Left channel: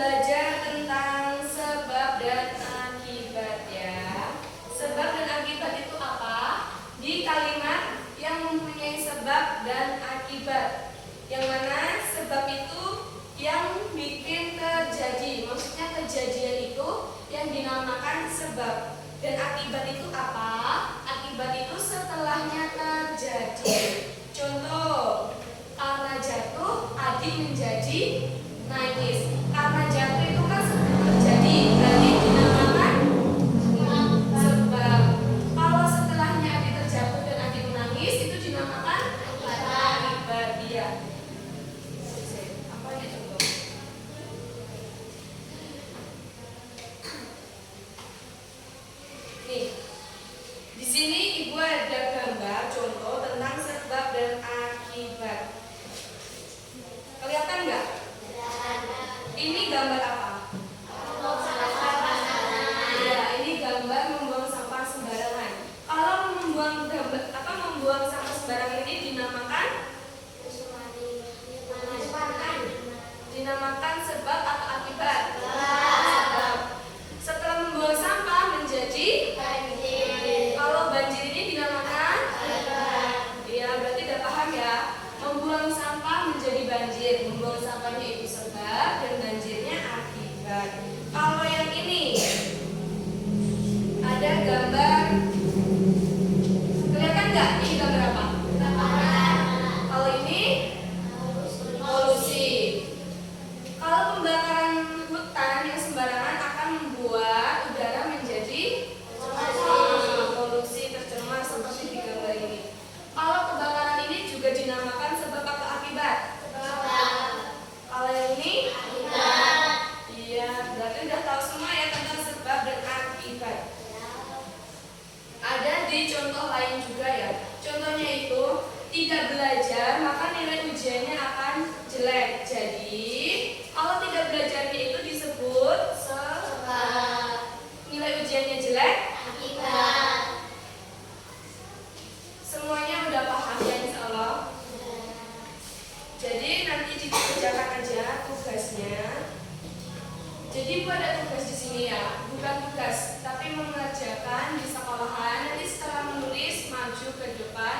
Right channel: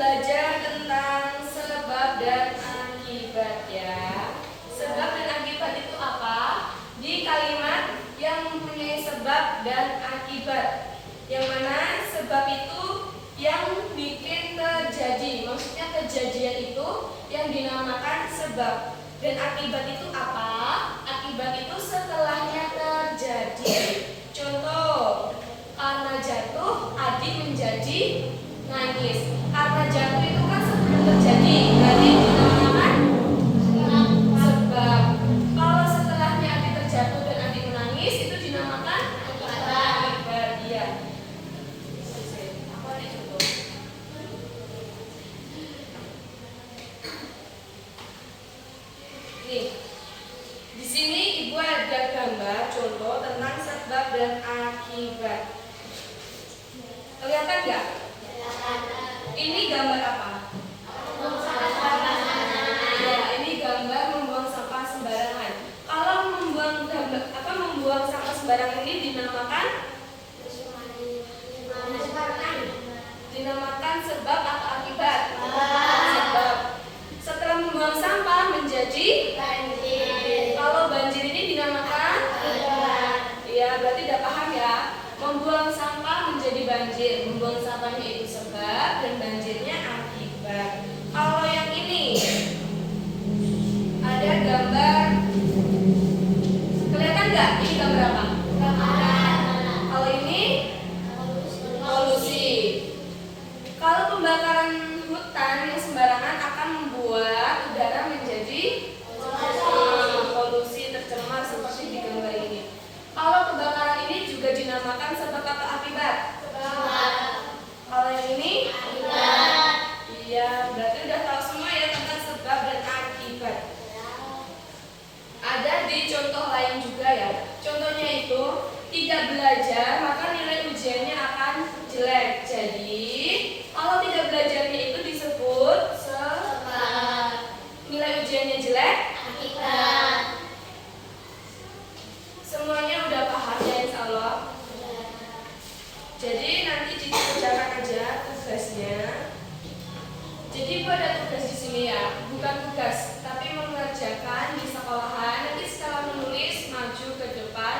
belajar tentang sebab dan akibat ya. Sebab dan akibat itu apa? Di kalimat yang mempunyai sebab dan akibat. Yang mana sebab itu yang bikin terjadi. Maksudnya kejadian itu yang dinamakan sebab. Dan akibat itu apa? Akibat itu setelahnya terjadi. Contoh, karena jatuh adik menjadi nangis. Karena jatuh itu kan sebelum terjadi, berarti dinamakan sebab. Kalau setelahnya adik terjatuh dan adik menangis, itu dinamakan akibat. Iya. Apa nih contoh? Nih, di sini ibu ada gambar contoh tentang sebab dan akibat. Kelihatan nggak? Ini gambar apa? Ya, ini gambar membuang sampah sembarangan. Kalau membuang sampah sembarangan ini dinamakan sebab atau akibat? Sebab. Setelah membuang sampah menjadi banjir. Kalau banjir ini dinamakan akibat. Ya, berarti udah paham ya. Membuang sampah menjadi banjir. Membuang sampahnya itu sebab dan banjirnya akibat. Kalau yang ini ada gambar, kelihatan nggak? Ini gambar apa? Kalau ini polusi. Kalau pembakaran hutan yang sembarangan akan membuat udara menjadi polusi, tercemar seperti di gambar ini. Kalau kebakaran ini juga dinamakan sebab atau akibat? Kalau yang ini? Iya, berarti udah tahu semua ya tentang sebab dan akibat. Ada di contoh lain juga ya. Contohnya itu tidak belajar maka nilai ujiannya akan jelek. Jadi kalau tidak belajarnya itu disebut sebab. Nilai ujiannya jelek? Akibat. Semuanya udah paham ya insya Allah. Jadi nanti dikerjakan aja tugasnya. Jadi ibu ada tugas di sini ya, bukan tugas, tapi mengerjakan di sekolahan. Nanti setelah menulis maju ke depan,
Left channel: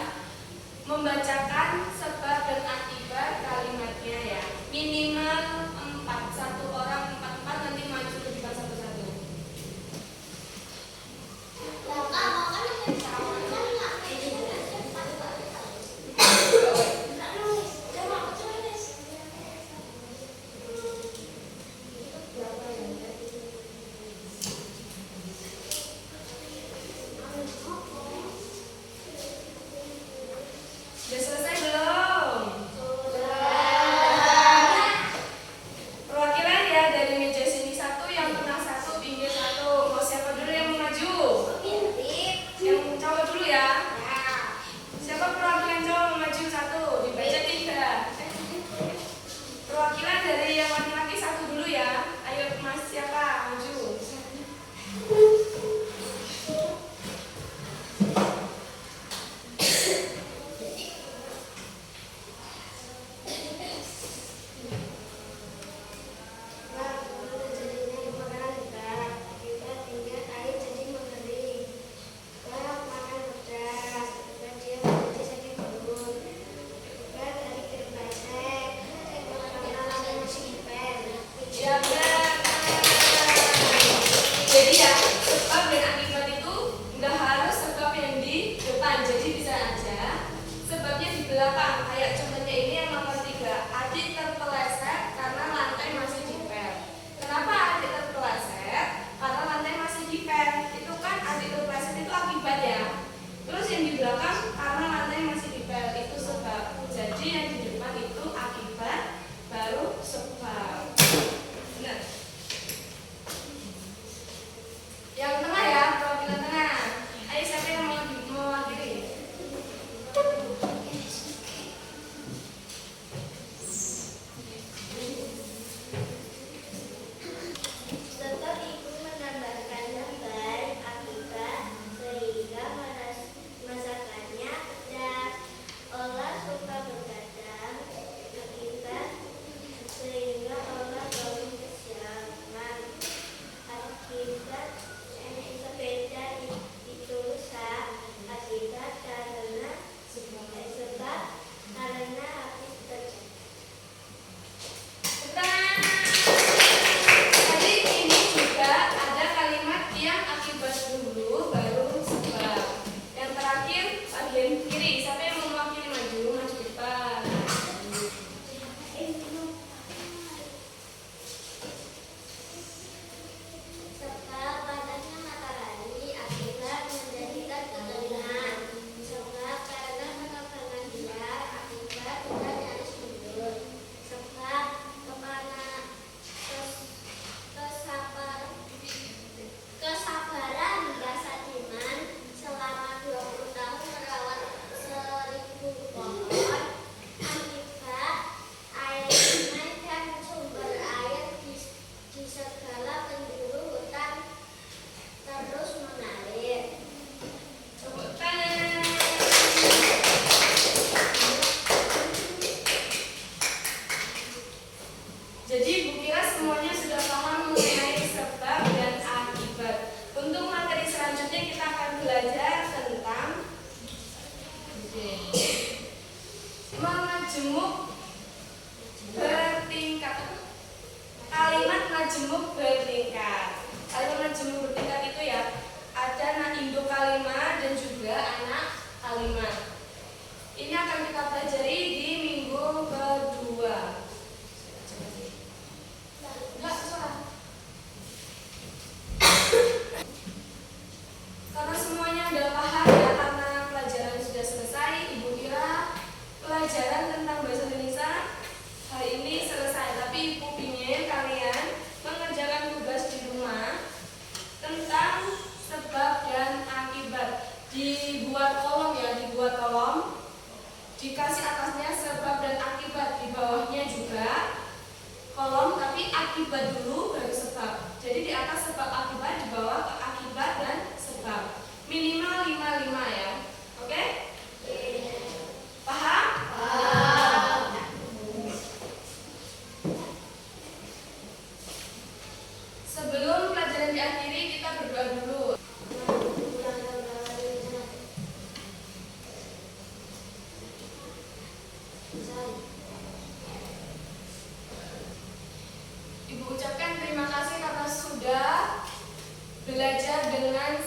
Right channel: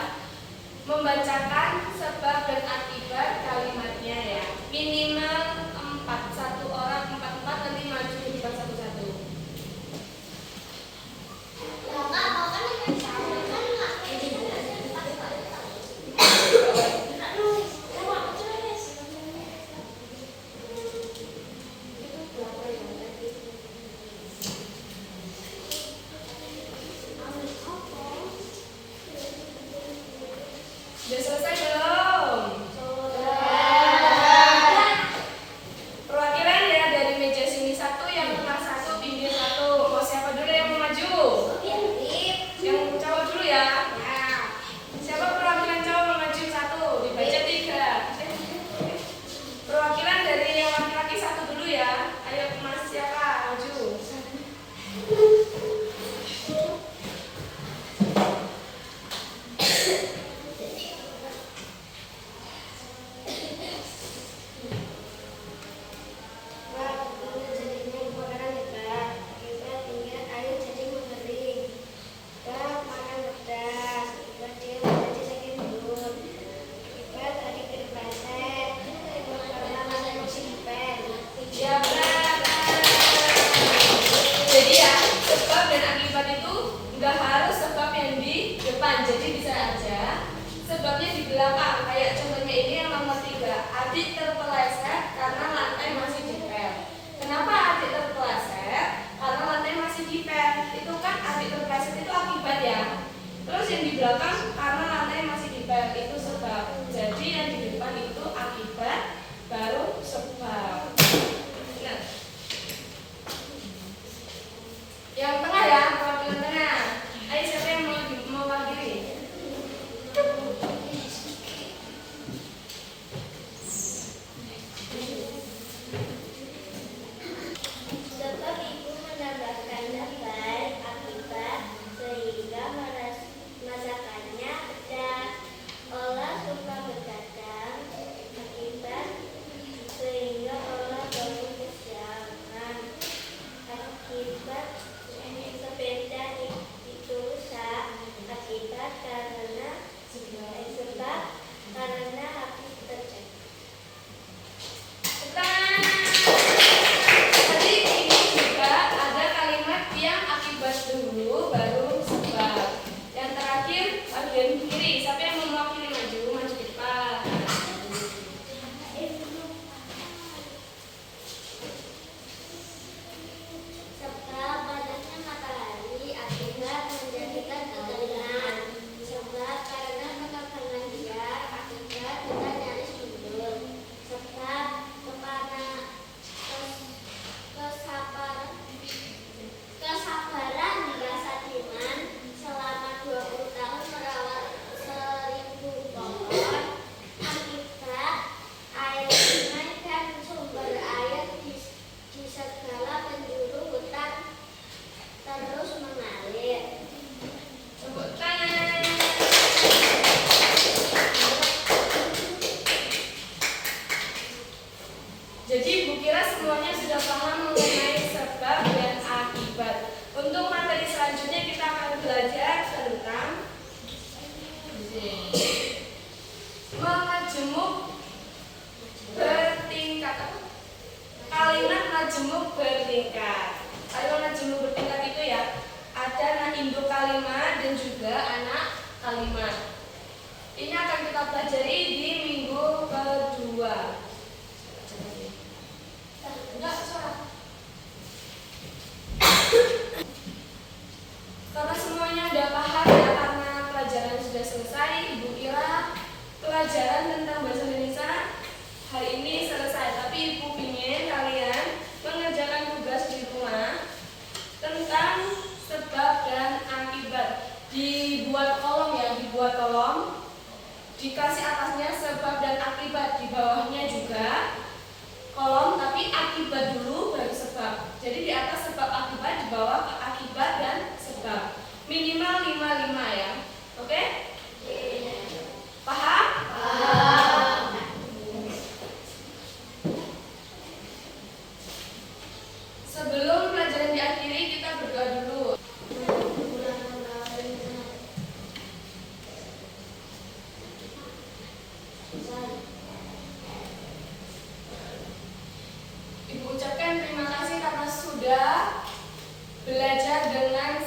membacakan sebab dan akibat kalimatnya ya. Minimal 4, 1 orang 4 nanti maju ke depan satu-satu. Udah selesai belum? Perwakilan ya dari meja sini 1, yang tengah 1, pinggir 1. Mau siapa dulu yang mau maju? Yang cowok dulu ya. Siapa perwakilan cowok mau maju 1? Dibaca 3. Perwakilan dari yang laki-laki 1 dulu ya. Ayo mas siapa maju? Jadi ya, sebab dan akibat itu nggak harus sebab yang di depan. Jadi bisa aja sebabnya di belakang. Kayak contohnya ini yang nomor 3. Adik terpeleset karena lantai masih dipel. Kenapa adik terpeleset? Karena lantai masih dipel. Itu kan adik terpeleset itu akibat ya. Terus yang di belakang karena lantai masih dipel itu sebab. Jadi yang di depan itu akibat, baru sebab. Nah, yang tengah ya, perwakilan tengah. Ayo siapa yang mau mewakili? bertingkat. Kalimat majemuk bertingkat itu ya ada anak induk kalimat dan juga anak kalimat. Ini akan kita pelajari di minggu kedua. Enggak, salah. Karena semuanya udah paham ya, karena pelajaran sudah selesai, Ibu kira pelajaran tentang bahasa Indonesia hari ini selesai. Tapi Ibu ingin kalian mengerjakan tugas di rumah tentang sebab dan akibat. Dibuat kolom ya, dibuat kolom. Dikasih atasnya sebab dan akibat, di bawahnya juga kolom, tapi akibat dulu baru sebab. Jadi di atas sebab akibat, di bawah akibat dan sebab. Minimal 5-5 ya. Oke? Paham? Paham. Sebelum pelajaran diakhiri, kita berdoa dulu. Ibu ucapkan terima kasih karena sudah belajar dengan